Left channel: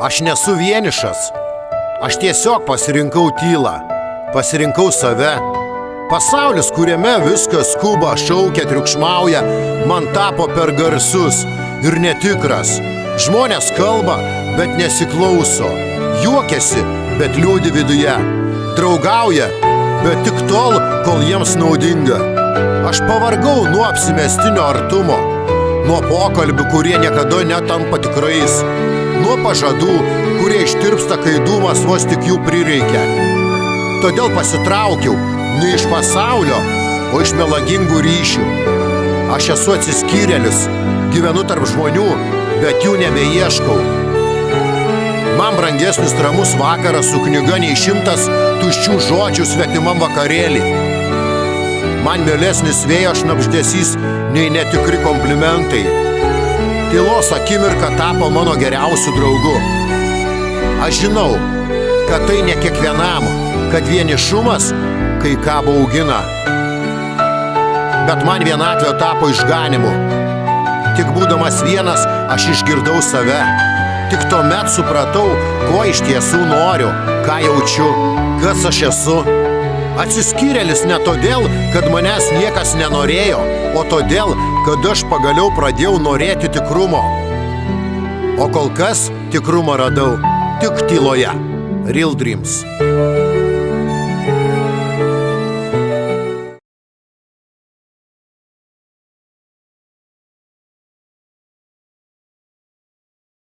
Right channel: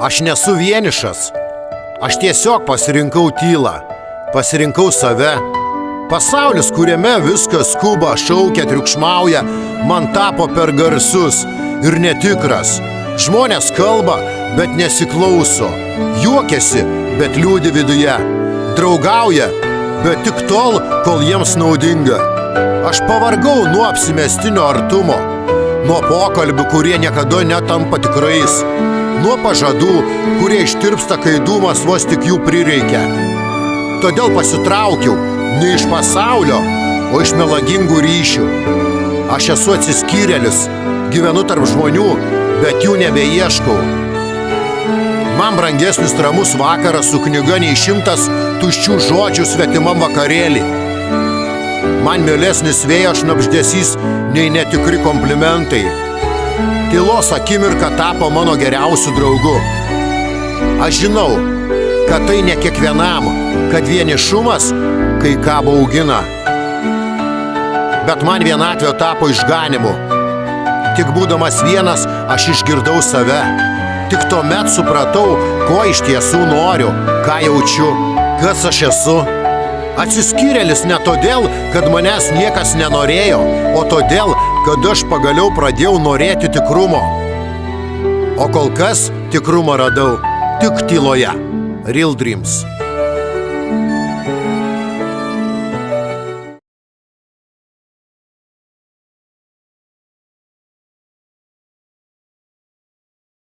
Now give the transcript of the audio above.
Aš nesu vienišas. Aš tiesiog pasirinkau tylą. Pasirinkau save. Pasaulis, kuriame viskas skuba, šaukia, triukšmauja, man tapo per garsus ir netikras. Žmonės kalba, bet nesiklauso. Juokiasi, bet liūdi viduje. Draugauja, bet tik tol, kol jiems naudinga. Aš pavargau nuo apsimestinio artumo, nuo pokalbių, kurie niekada netampa tikrais, nuo pažadų, kurie ištirpsta, kai dūmas vos tik jų prireikia. Todėl pasitraukiau ne iš pasaulio, o iš melagingų ryšių. Aš esu atsiskyrėlis, gyvenu tarp žmonių, bet jų nebeieškau. Man brangesnis ramus vakaras su knyga nei 100 tuščių žodžių svetimam vakarėlį. Man mielesnis vėjo šnabždesys nei netikri komplimentai. Tylos akimirka tapo mano geriausiu draugu. Aš žinau, kad tai ne kiekvienam, kad vienišumas kai ką baugina. Bet man vienatvė tapo išganimu. Tik būdamas vienas, aš išgirdau save. Tik tuomet supratau, ko iš tiesų noriu, ką jaučiu, kas aš esu. Atsiskyrėlis ne todėl, kad manęs niekas nenorėjo, o todėl, kad aš pagaliau pradėjau norėti tikrumo. O kol kas tikrumą radau tik tyloje. Real Dreams.